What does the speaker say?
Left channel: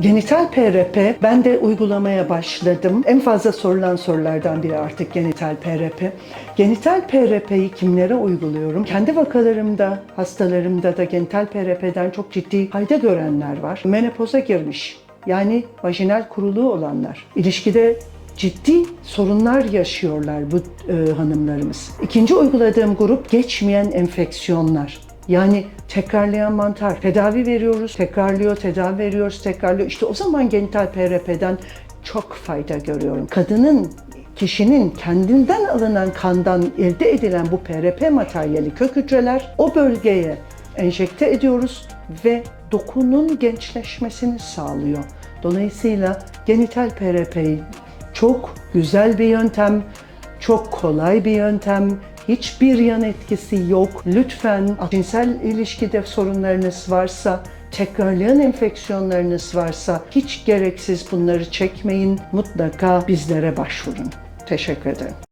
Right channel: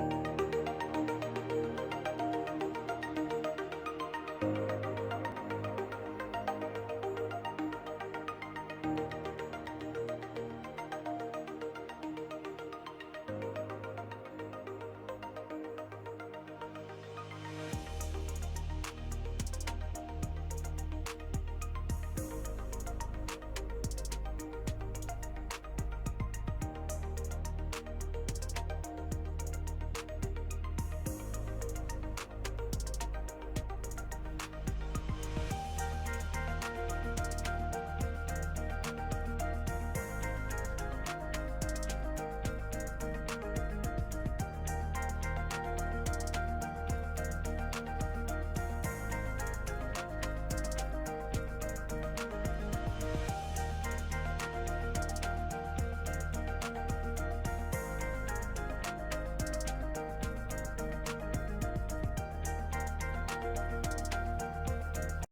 Genital PRP, ben de uygulamaya başladım. En fazla sorulan sorulardan biri artık genital PRP. Genital PRP'yi kimlere uyguluyorum? Kendi vakalarımda, hastalarımda da genital PRP'den çok ciddi fayda görenler var. Menopoza girmiş, yani vajinal kuruluğu olanlar, ilişkide ciddi sorunlar yaşıyorlar bu e, hanımlarımız. İkinci uyguladığım grup geçmeyen enfeksiyonlar. Yani tekrarlayan mantar. Tedavi veriyoruz, tekrarlıyor, tedavi veriyoruz, tekrarlıyor. İşte o zaman genital PRP'den çok fayda görüyorum. Kadının kişinin kendinden alınan kandan elde edilen bu PRP materyali kök hücreler o bölgeye enjekte ediyoruz ve dokunun gençleşmesini sağlıyor. Dolayısıyla genital PRP'yi çok güzel bir yöntem, çok kolay bir yöntem, hiçbir yan etkisi yok. Lütfen cinsel ilişkide sorunlarınız varsa, tekrarlayan enfeksiyonlarınız varsa hiç gereksiz bunları çekmeyin. Mutlaka bizlere başvurun. Teşekkür ederim.